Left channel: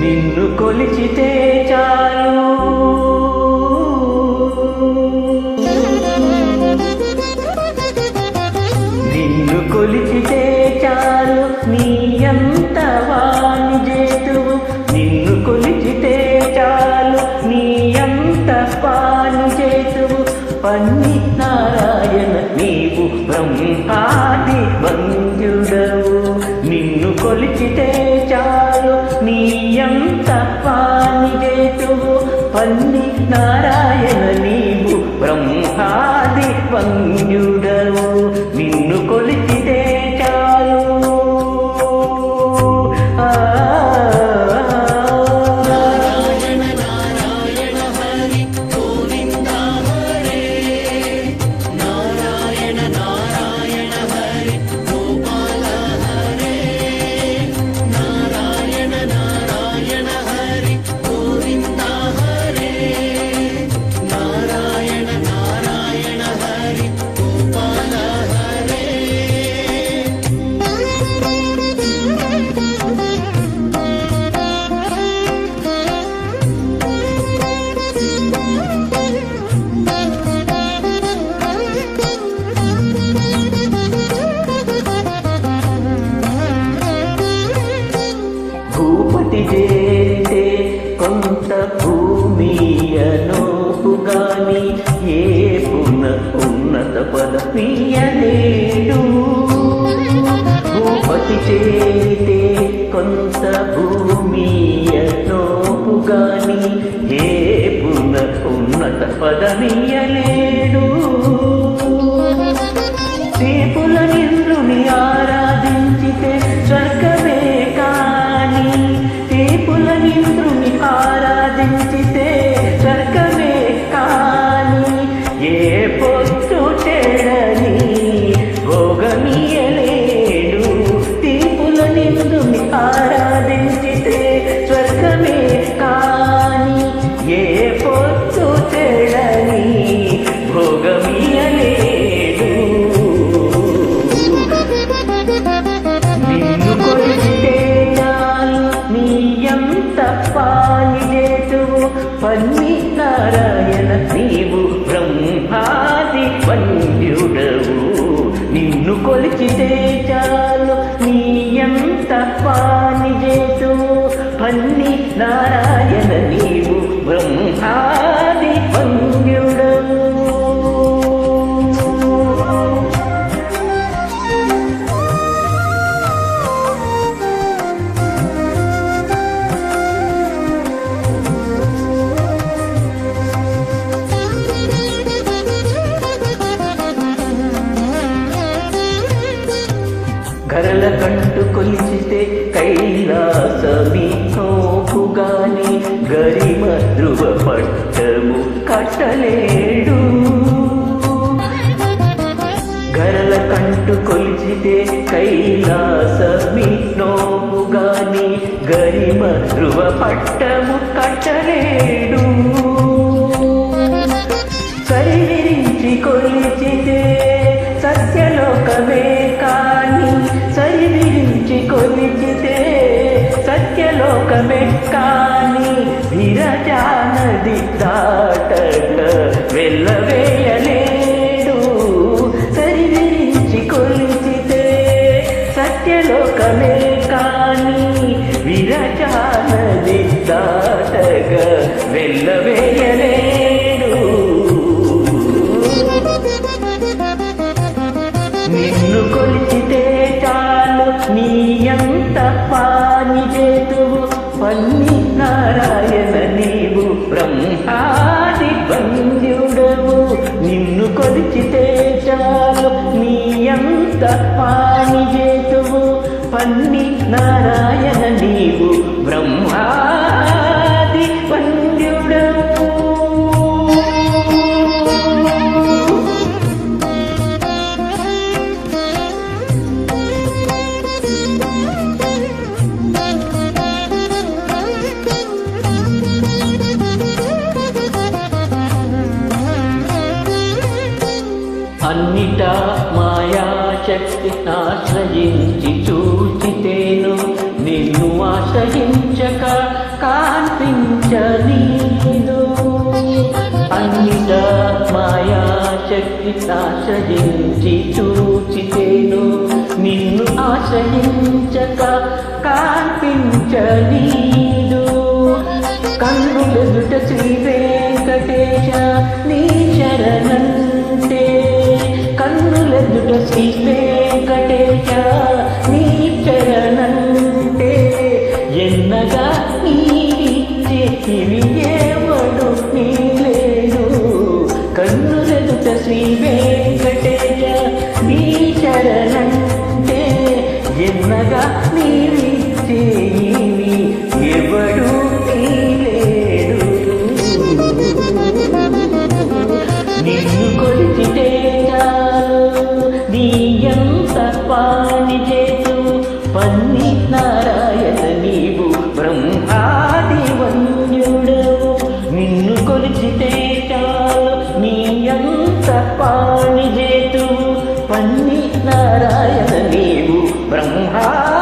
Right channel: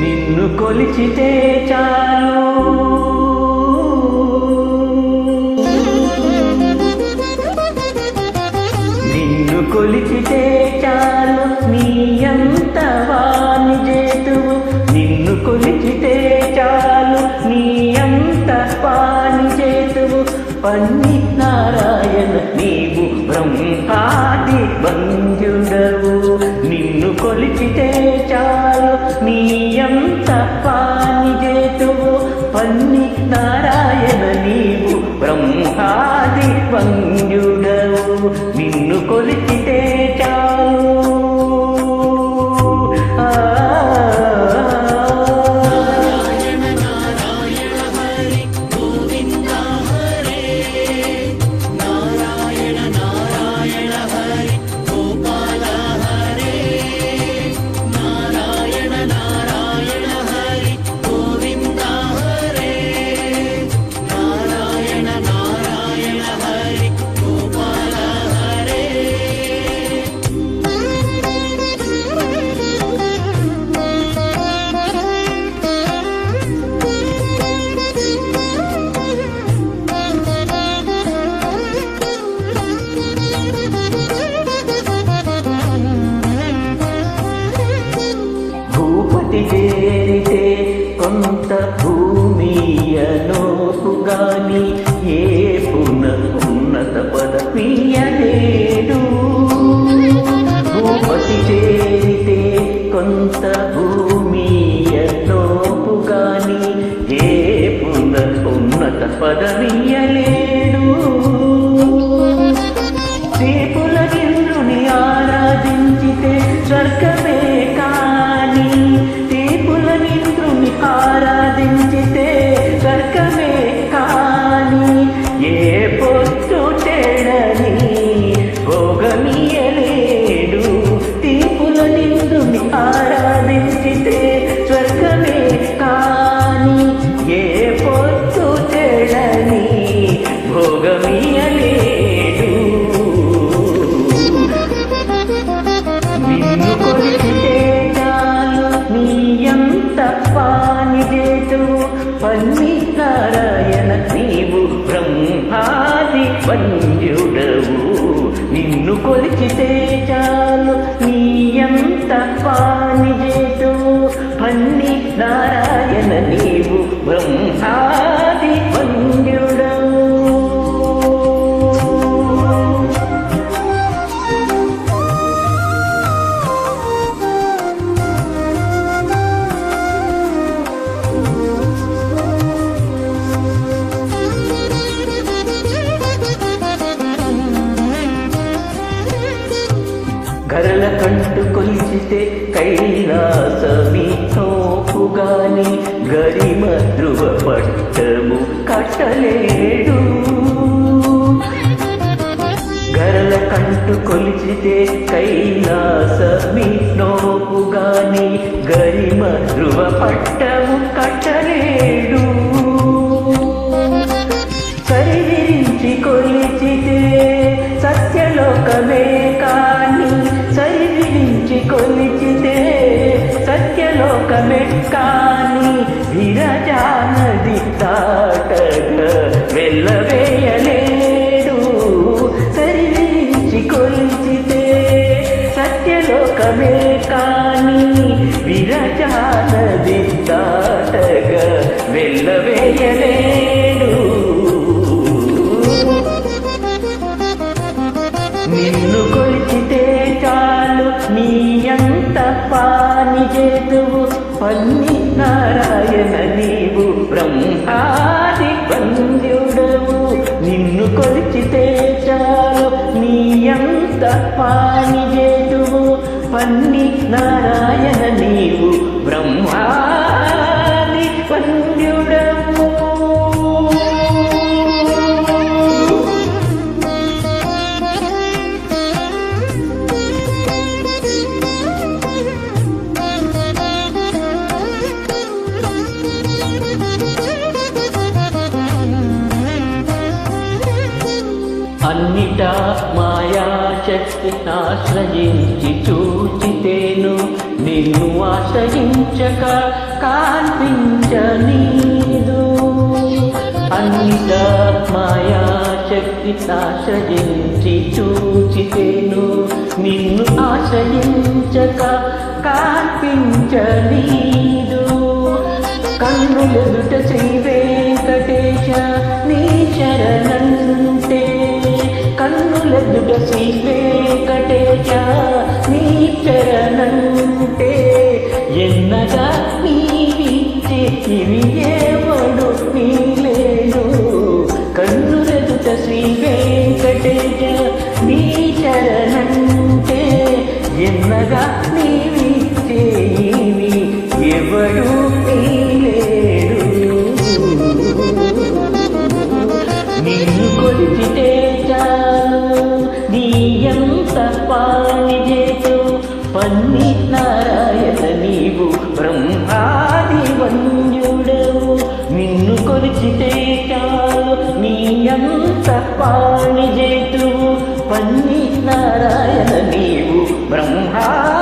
నిన్ను కొలిచితే చాలు నిన్ను కొలిచితే చాలు నీ అంత వాని చేతువు నిన్ను కొలిచితే చాలు నీ అంత వాని చేతువు పన్ని నారాయణ నీవు బ్రహ్మాది వంద్యుడవు నిన్ను కొలిచితే చాలు నీ అంత వాని చేతువు పన్ని నారాయణ నీవు బ్రహ్మాది వంద్యుడవు నిన్ను కొలిచితే చాలు భూపతి చేరితే కొంత భూమియనోపుగాని ఏ పున ఉన్నత పదమీయలేడు భూపతి చేరితే కొంత భూమియనోపుగాని ఏ పున ఉన్నత పదమీయలేడు శ్రీపుల నింద్రుని ఆరాధించితే స్వర్గమే కాని శ్రీపుల నింద్రుని ఆరాధించితే స్వర్గమే కాని ఏ పొత్తు చెడని భోగమీయలేడు శ్రీపుల నింద్రుని ఆరాధించితే స్వర్గమే కాని ఏ పొత్తు చెడని భోగమీయలేడు నిన్ను కొలిచితే చాలు నీ అంత వాని చేతువు పన్ని నారాయణ నీవు బ్రహ్మాది వంద్యుడవు నిన్ను కొలిచితే చాలు నీ అంత వాని చేతువు పన్ని నారాయణ నీవు బ్రహ్మాది వంద్యుడవు గరల కంటు కొలిచితే కైలాసమి నోపుగాని గరిమ ధ్రువ పట్టము కట్టలేడు గరల కంటు కొలిచితే కైలాసమి నోపుగాని గరిమ ధ్రువ పట్టము కట్టలేడు సరివిరించి కొలిచితే సత్యలోకమే కాని సరివిరించి కొలిచితే సత్యలోకమే కాని విరజానది దాటగా వెళ్ళవేయలేడు సరివిరించి కొలిచితే సత్యలోకమే కాని విరజానది దాటగా వెళ్ళవేయలేడు నిన్ను కొలిచితే చాలు నీ అంత వాని చేతువు పన్ని నారాయణ నీవు బ్రహ్మాది వంద్యుడవు నిన్ను కొలిచితే చాలు నీ అంత వాని చేతువు పన్ని నారాయణ నీవు బ్రహ్మాది వంద్యుడవు అన్నిటా మాయాశక్తి ఆశ్రయించి చూచితేను నిన్ను ఆశ్రయించక కాన్పించనీదు. అన్నిటా మాయాశక్తి ఆశ్రయించి చూచితేను నిన్ను ఆశ్రయించక కాన్పించనీదు. కన్నులెదుట శ్రీ వెంకటేశ నీ శరణంటే, కన్నులెదుట శ్రీ వెంకటేశ నీ శరణంటే, ఎన్నగా నీవిచ్చే ఇవి ఎవడు నీలేడు. కన్నులెదుట శ్రీ వెంకటేశ నీ శరణంటే, ఎన్నగా నీవిచ్చే ఇవి ఎవడు నీలేడు. నిన్ను కొలిచితే చాలు నీ ఎంత పాని చేతు. పన్ని నారాయణ నీవు బ్రహ్మాది వంద్యుడవు. నిన్ను కొలిచితే చాలు నీ ఎంత పాని చేతువు. పన్ని నారాయణ నీవు బ్రహ్మా